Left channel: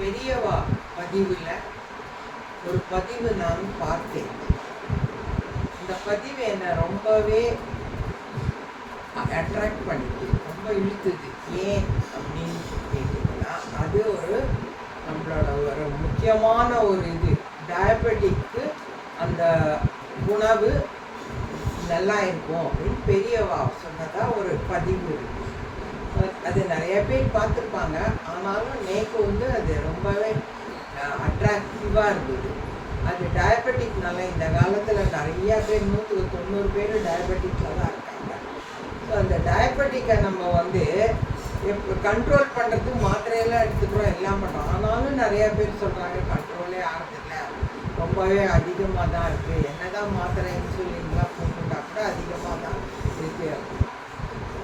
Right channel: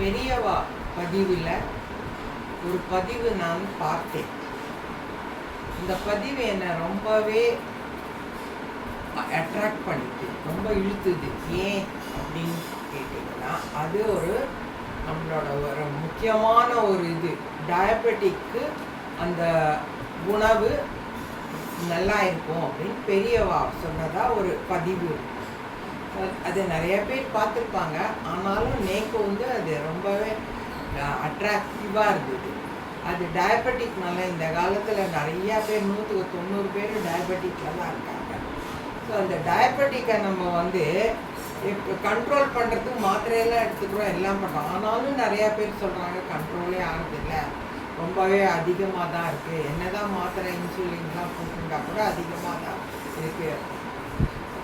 பெரியவா பதிவில் ஒரு பதிவு நான் பார்த்தேன். இந்த பதிவு என்னை ரொம்பவே அட்ராக்ட் பண்ணிட்டு ரொம்ப இழுத்துது. ஏன் அப்படின்னு கேட்டிங்கன்னா, அது நம்மளோட ஒரு முக்கியமான ஒரு டயபெட்டிக்கு அந்த உணவு நல்லா இருக்கும் அப்படின்னு பெரியவா சொன்னதா ஒரு பதிவு இருக்குது. அது நிறைய பேர் பார்த்துருப்பாங்க. ஆனாலும் நேக்கு அது ரொம்பவே அட்ராக்டிவாக இருந்தது. அது டயபெட்டிக்னால இந்த காலத்தில் நிறையா பேர் 190 பேர் டயபெட்டிக்கில் தான் இருக்காங்க. ஸோ அந்த டயபெட்டிக்கை நம்ம கண்ட்ரோல் பண்ணுறதுக்கு மாத்திரையெல்லாம் எடுத்துக்கிறோம், எல்லாம் பண்ணுறோம். ஆனாலும் நிறையா பேர் சொல்கிறாங்க கண்ட்ரோலே ஆகிறதில்ல, ரொம்பவே அதிகமாக தான் இருக்குது. என்ன தான் மாத்திரை இன்சுலின்லாம் போட்டுட்டா கூட அதிகமாக தான் இருக்குது.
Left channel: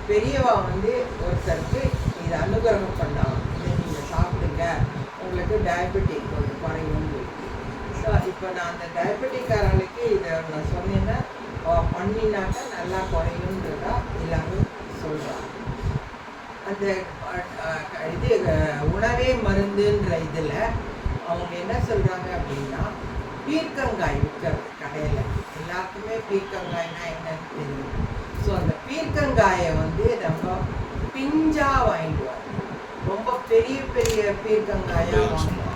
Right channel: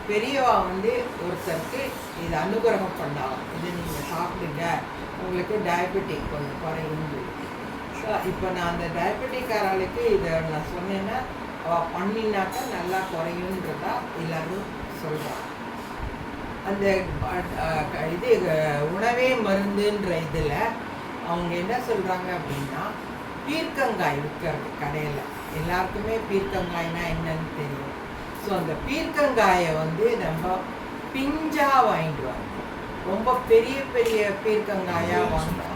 பெரியவா ஒருத்தருக்கு இதை அனுகிரகம் பண்ணாங்க. இதை நீங்கள் சாப்பிடுங்க, உங்களுக்கு டயபெட்டிக் கொஞ்சம் குறையும். ஸோ இப்போ நான் அந்த டயபெட்டிக்காரர்களுக்கு இதை நான் சொன்னேன்னா பண்ணினாக்கா நல்லா குறையுன்றதா எல்லாரும் சொல்கிறாங்க. அந்த உணவே மருந்துன்ற இதில் அவங்க என்ன சொல்கிறாங்க அப்படின்னா, பீர்க்கங்காய் விற்கிறது கடையில். எல்லாருக்குமே பீர்க்கங்காய்னா என்னன்னு தெரியும். ஸோ அந்த பீர்க்கங்காயை நம்ம பிஞ்சாக வாங்கிட்டு வாங்க. ரொம்ப பெரிய பெரிய பீர்க்கங்காயாக வாங்கலாம்.